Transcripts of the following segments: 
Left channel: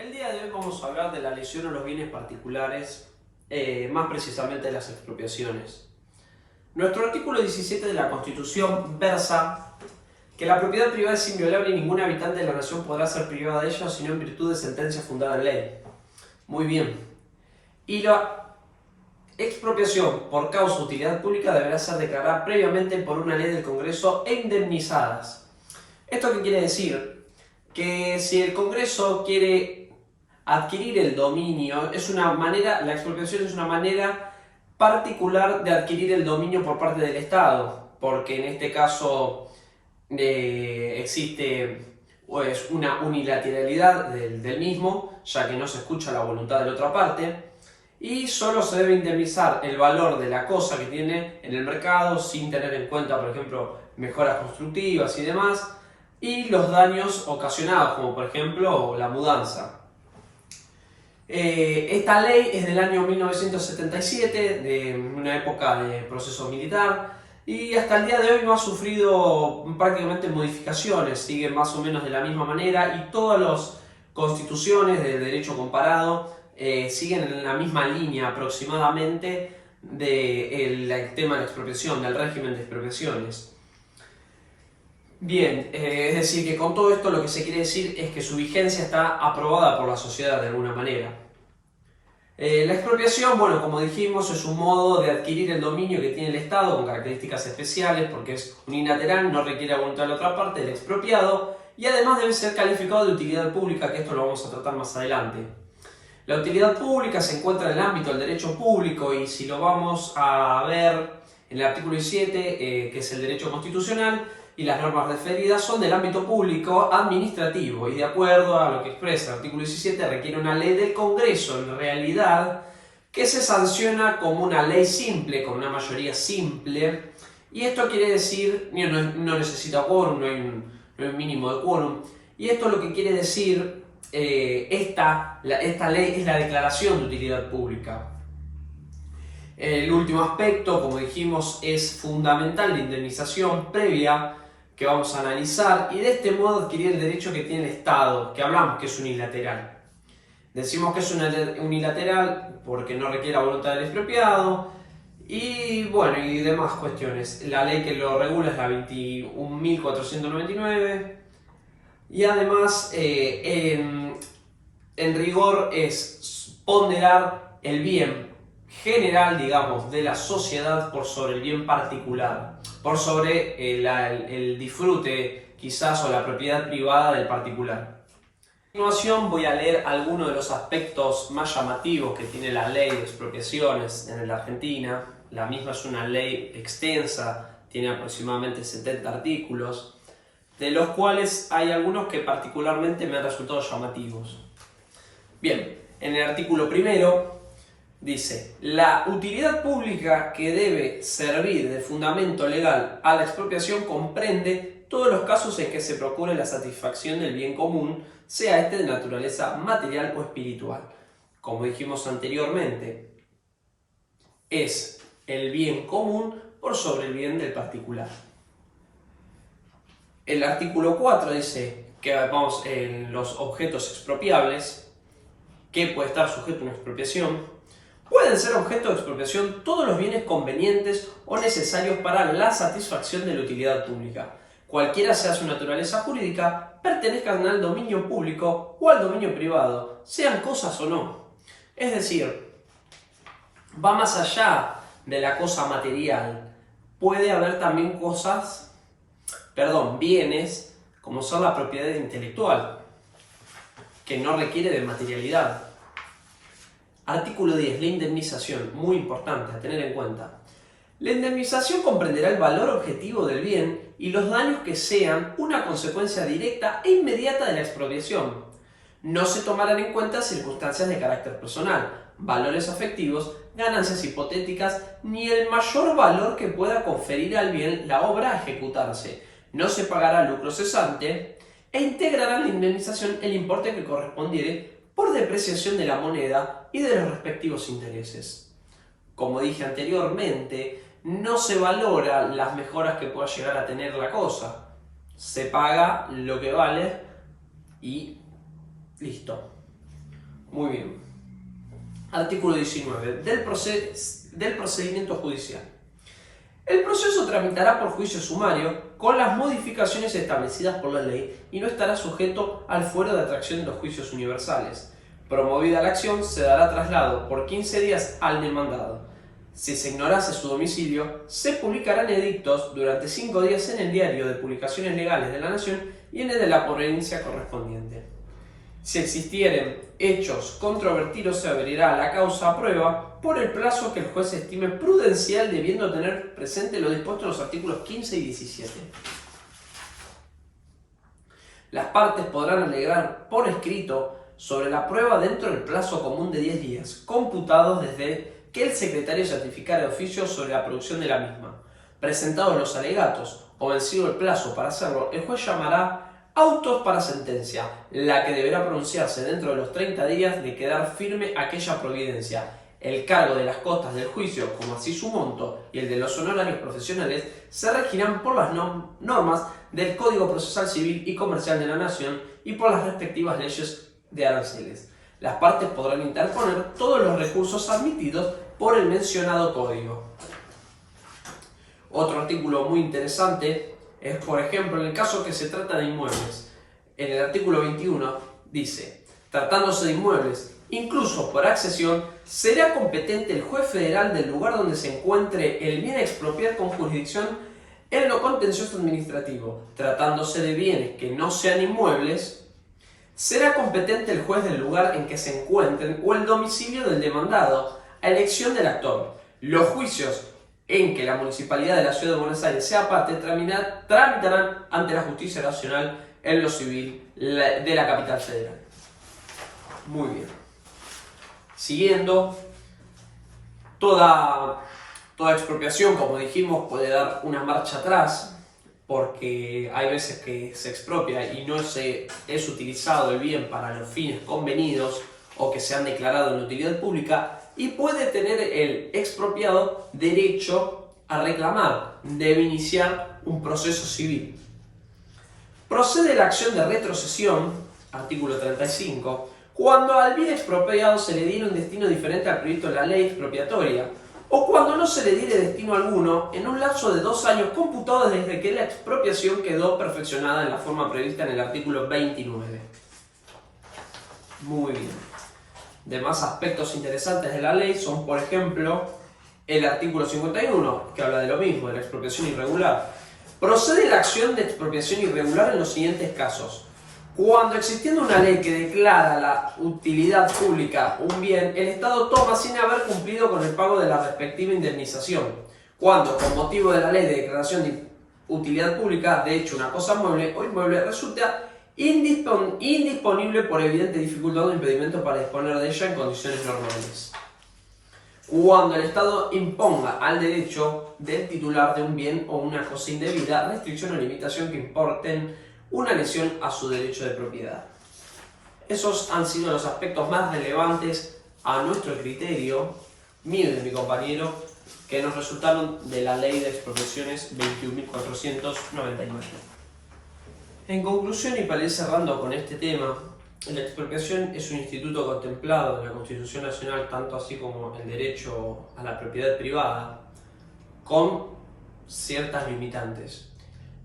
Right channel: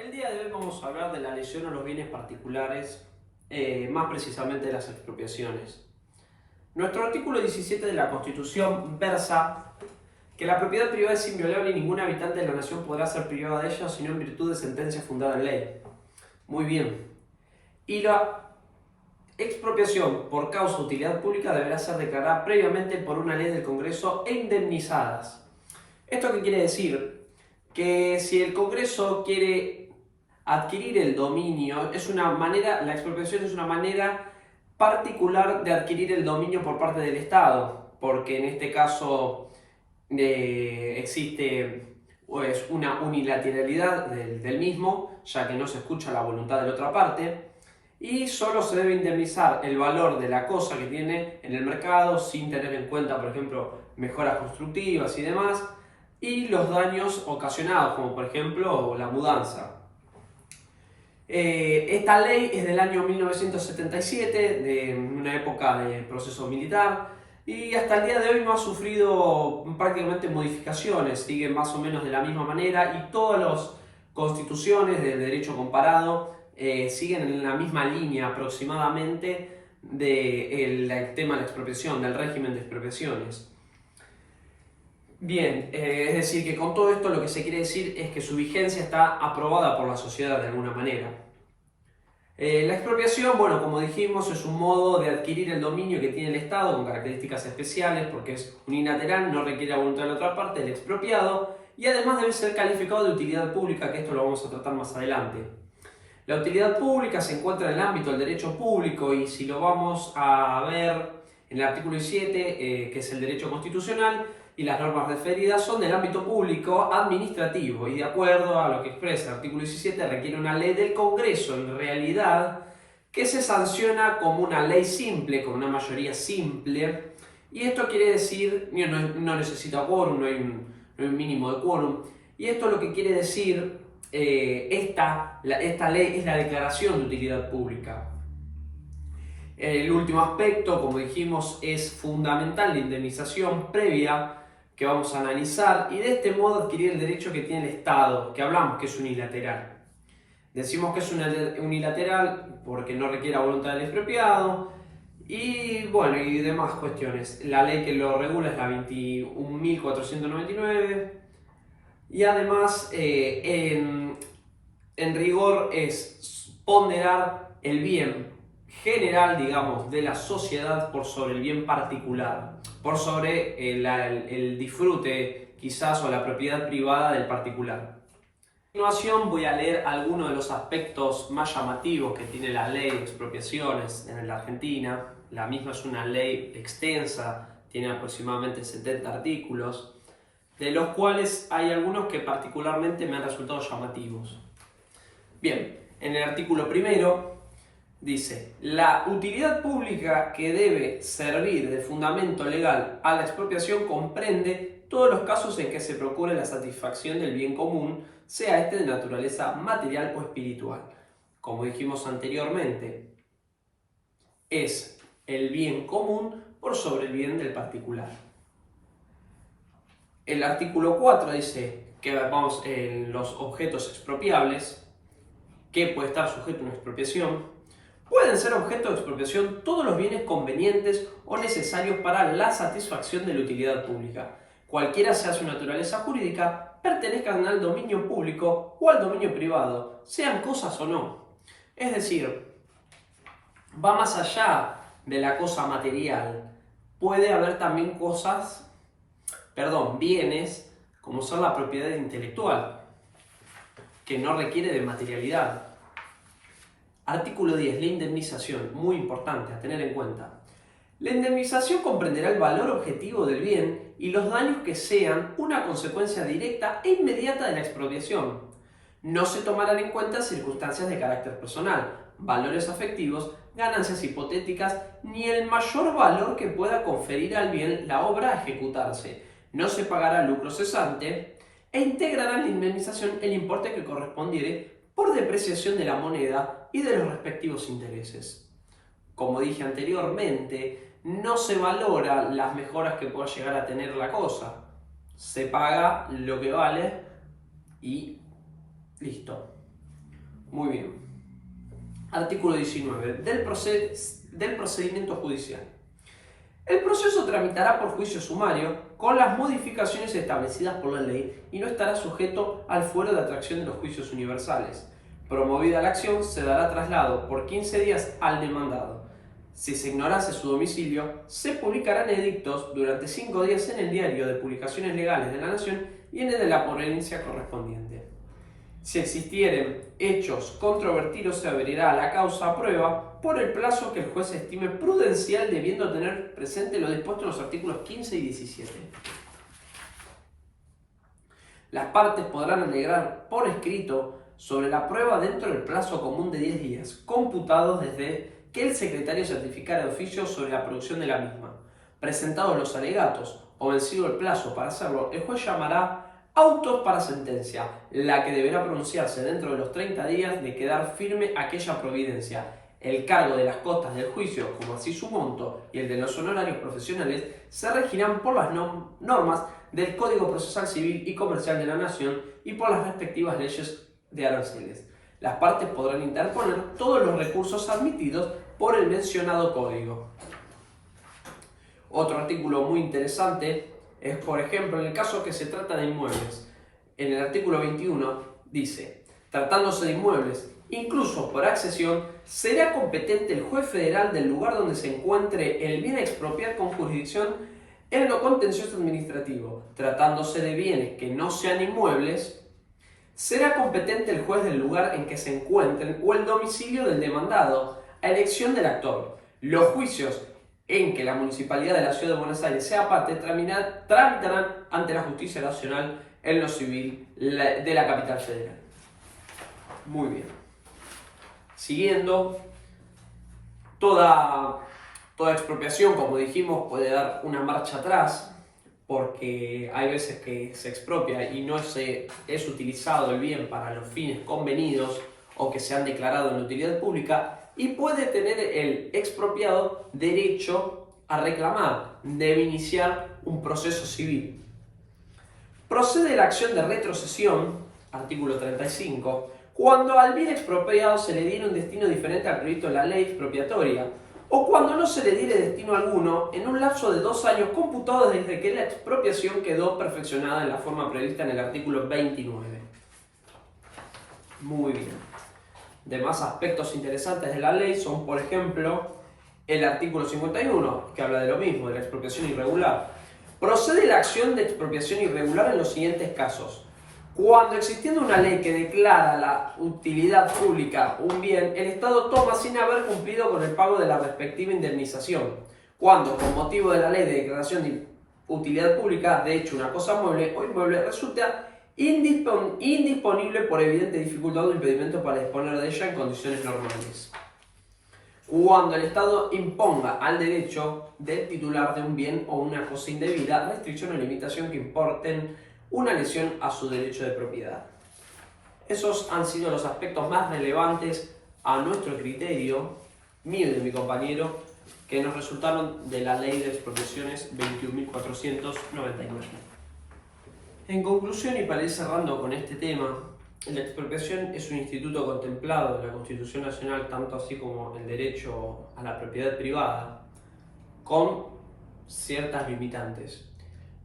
El día de hoy vamos a hablar de la lesión a los bienes particulares, más precisamente de las expropiaciones. Nuestro artículo 17 de la Constitución versa que la propiedad privada es inviolable y ningún habitante de la nación podrá ser privada de ella sino en virtud de sentencia fundada en ley. Muy bien. Y la expropiación por causa de utilidad pública deberá ser declarada previamente por una ley del Congreso e indemnizadas. ¿Esto qué quiere decir? Que si el Congreso quiere adquirir el dominio, la expropiación es una manera particular de adquirir el dominio por parte del Estado, porque en este caso existe pues, una unilateralidad del mismo, ya que no se escucha la voluntad de la otra parte, y solo se debe indemnizar el valor de la cosa que tiene en el mercado sin tener en cuenta, por ejemplo, mejoras constructivas y demás, y los daños ocasionados, como por ejemplo la mudanza. Esta ley es del año 1977, de una época de proceso militar, y hasta el día de hoy no ha sufrido prácticamente modificaciones, sigue más o menos de la misma manera, y todas las constituciones de derecho comparado siguen en la misma línea aproximadamente del tema de la expropiación, del régimen de expropiaciones. Bien, es decir, que con todo esto lo que se quiere decir es que su vigencia está aprobada por la sociedad de alguna manera. La expropiación, bueno, como dijimos, es un modo de adquirir el dominio que tiene el Estado con características especiales porque es unilateral, no requiere la voluntad de la otra parte, del expropiado, y además debe ser calificado de utilidad pública, que esto lo vamos a tratar más adelante. La utilidad pública se encuentra en el ámbito del derecho público y si lo vamos a ver en el artículo 17, que es el derecho constitucional, y las normas referidas son del ámbito público administrativo y de acuerdo a lo que expresa el artículo 17 requiere una ley del Congreso en realidad que se sanciona como una ley simple, con una mayoría simple, y esto quiere decir, no necesita quórum, no hay un mínimo de quórum, y esto lo que quiere decir, esta ley es la declaración de utilidad pública. El último aspecto, como dijimos, es fundamental, la indemnización previa que vamos a analizar y de este modo adquirir el derecho que tiene el Estado, que hablamos que es unilateral. Decimos que es unilateral porque no requiere la voluntad del expropiado y bueno, y demás cuestiones. La ley que lo regula es la 21.499 y además en rigor es ponderar el bien general, digamos, de la sociedad por sobre el bien particular, por sobre el disfrute quizás o la propiedad privada del particular. A continuación voy a leer algunos de los aspectos más llamativos que tiene la ley de expropiaciones en la Argentina. La misma es una ley extensa, tiene aproximadamente 70 artículos, de los cuales hay algunos que particularmente me han resultado llamativos. Bien, en el artículo primero dice: la utilidad pública que debe servir de fundamento legal a la expropiación comprende todos los casos en que se procure la satisfacción del bien común, sea este de naturaleza material o espiritual. Como dijimos anteriormente, es el bien común por sobre el bien del particular. El artículo 4 dice que vamos en los objetos expropiables, que puede estar sujeto a una expropiación. Pueden ser objeto de expropiación todos los bienes convenientes o necesarios para la satisfacción de la utilidad pública, cualquiera sea su naturaleza jurídica, pertenezcan al dominio público o al dominio privado, sean cosas o no. Es decir, va más allá de la cosa material. Puede haber también bienes, como son la propiedad intelectual, que no requiere de materialidad. Artículo 10. La indemnización, muy importante a tener en cuenta. La indemnización comprenderá el valor objetivo del bien y los daños que sean una consecuencia directa e inmediata de la expropiación. No se tomarán en cuenta circunstancias de carácter personal, valores afectivos, ganancias hipotéticas, ni el mayor valor que pueda conferir al bien la obra a ejecutarse. No se pagará lucro cesante e integrarán la indemnización el importe que correspondiere por depreciación de la moneda y de los respectivos intereses. Como dije anteriormente, no se valora las mejoras que pueda llegar a tener la cosa. Se paga lo que vale y listo. Muy bien. Artículo 19. Del procedimiento judicial. El proceso tramitará por juicio sumario con las modificaciones establecidas por la ley y no estará sujeto al fuero de atracción de los juicios universales. Promovida la acción, se dará traslado por 15 días al demandado. Si se ignorase su domicilio, se publicarán edictos durante 5 días en el diario de publicaciones legales de la Nación y en el de la provincia correspondiente. Si existieren hechos controvertidos, se abrirá la causa a prueba por el plazo que el juez estime prudencial, debiendo tener presente lo dispuesto en los artículos 15 y 17. Las partes podrán alegar por escrito sobre la prueba dentro del plazo común de 10 días, computados desde que el secretario certificara de oficio sobre la producción de la misma. Presentados los alegatos o vencido el plazo para hacerlo, el juez llamará autos para sentencia, la que deberá pronunciarse dentro de los 30 días de quedar firme aquella providencia. El cargo de las costas del juicio, como así su monto, y el de los honorarios profesionales, se regirán por las normas del Código Procesal Civil y Comercial de la Nación y por las respectivas leyes de aranceles. Las partes podrán interponer todos los recursos admitidos por el mencionado código. Otro artículo muy interesante es, por ejemplo, en el caso que se trata de inmuebles. En el artículo 21 dice: tratándose de inmuebles, incluso por accesión, será competente el juez federal del lugar donde se encuentre el bien a expropiar con jurisdicción en lo contencioso administrativo. Tratándose de bienes que no sean inmuebles, será competente el juez del lugar en que se encuentren o el domicilio del demandado, a elección del actor. Los juicios en que la Municipalidad de la Ciudad de Buenos Aires sea parte tramitarán ante la Justicia Nacional en lo civil de la capital federal. Muy bien. Siguiendo, toda expropiación, como dijimos, puede dar una marcha atrás, porque hay veces que se expropia y no es utilizado el bien para los fines convenidos o que se han declarado en utilidad pública, y puede tener el expropiado derecho a reclamar, debe iniciar un proceso civil. Procede la acción de retrocesión, artículo 35, cuando al bien expropiado se le diera un destino diferente al previsto en la ley expropiatoria, o cuando no se le diere destino alguno en un lapso de 2 años computados desde que la expropiación quedó perfeccionada en la forma prevista en el artículo 29. Muy bien. Demás aspectos interesantes de la ley son, por ejemplo, el artículo 51, que habla de lo mismo, de la expropiación irregular. Procede la acción de expropiación irregular en los siguientes casos: cuando, existiendo una ley que declara la utilidad pública un bien, el Estado toma sin haber cumplido con el pago de la respectiva indemnización. Cuando, con motivo de la ley de declaración de utilidad pública, de hecho una cosa mueble o inmueble, resulta indisponible por evidente dificultad o impedimento para disponer de ella en condiciones normales. Cuando el Estado imponga al derecho del titular de un bien o una cosa indebida restricción o limitación que importen una lesión a su derecho de propiedad. Esos han sido los aspectos más relevantes a nuestro criterio, mío y de mi compañero, que nos resultaron de la Ley de Expropiaciones 21.499. En conclusión, y para ir cerrando con este tema, la expropiación es un instituto contemplado en la Constitución Nacional, tanto así como el derecho a la propiedad privada, con ciertas limitantes.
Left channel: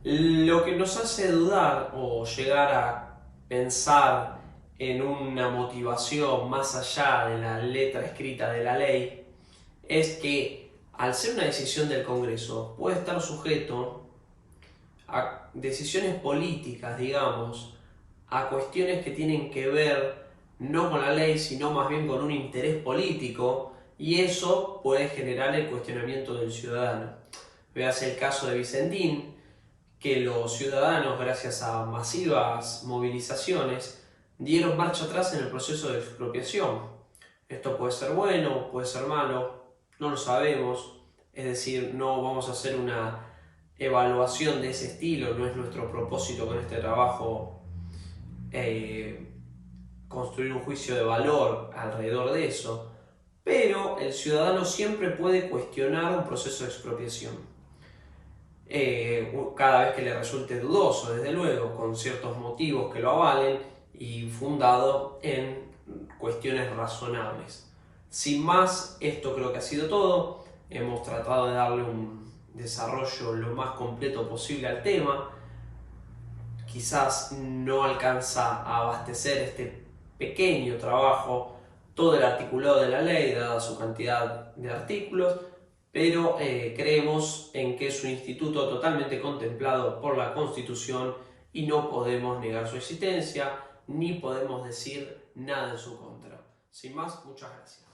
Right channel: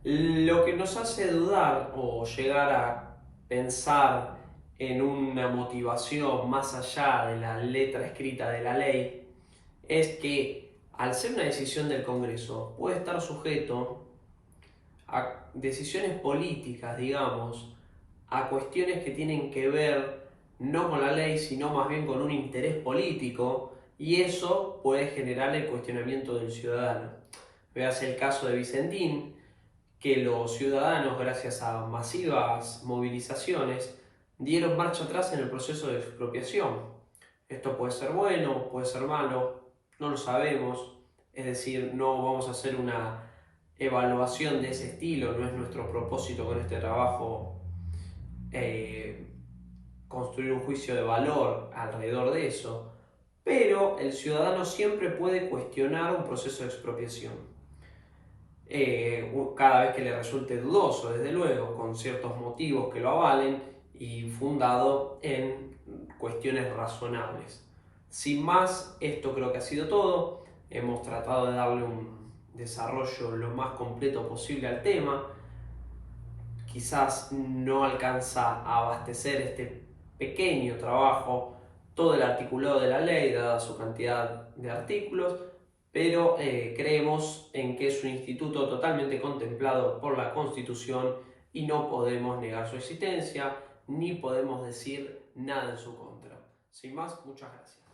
Lo que nos hace dudar o llegar a pensar en una motivación más allá de la letra escrita de la ley es que, al ser una decisión del Congreso, puede estar sujeto a decisiones políticas, digamos, a cuestiones que tienen que ver no con la ley, sino más bien con un interés político, y eso puede generar el cuestionamiento del ciudadano. Veas el caso de Vicentín, que los ciudadanos, gracias a masivas movilizaciones, dieron marcha atrás en el proceso de expropiación. Esto puede ser bueno, puede ser malo, no lo sabemos, es decir, no vamos a hacer una evaluación de ese estilo, no es nuestro propósito con este trabajo construir un juicio de valor alrededor de eso, pero el ciudadano siempre puede cuestionar un proceso de expropiación, cada vez que le resulte dudoso, desde luego, con ciertos motivos que lo avalen y fundado en cuestiones razonables. Sin más, esto creo que ha sido todo. Hemos tratado de darle un desarrollo lo más completo posible al tema. Quizás no alcanza a abastecer este pequeño trabajo todo el articulado de la ley, dada su cantidad de artículos, pero creemos en que es un instituto totalmente contemplado por la Constitución y no podemos negar su existencia, ni podemos decir nada en su contra. Sin más, muchas gracias.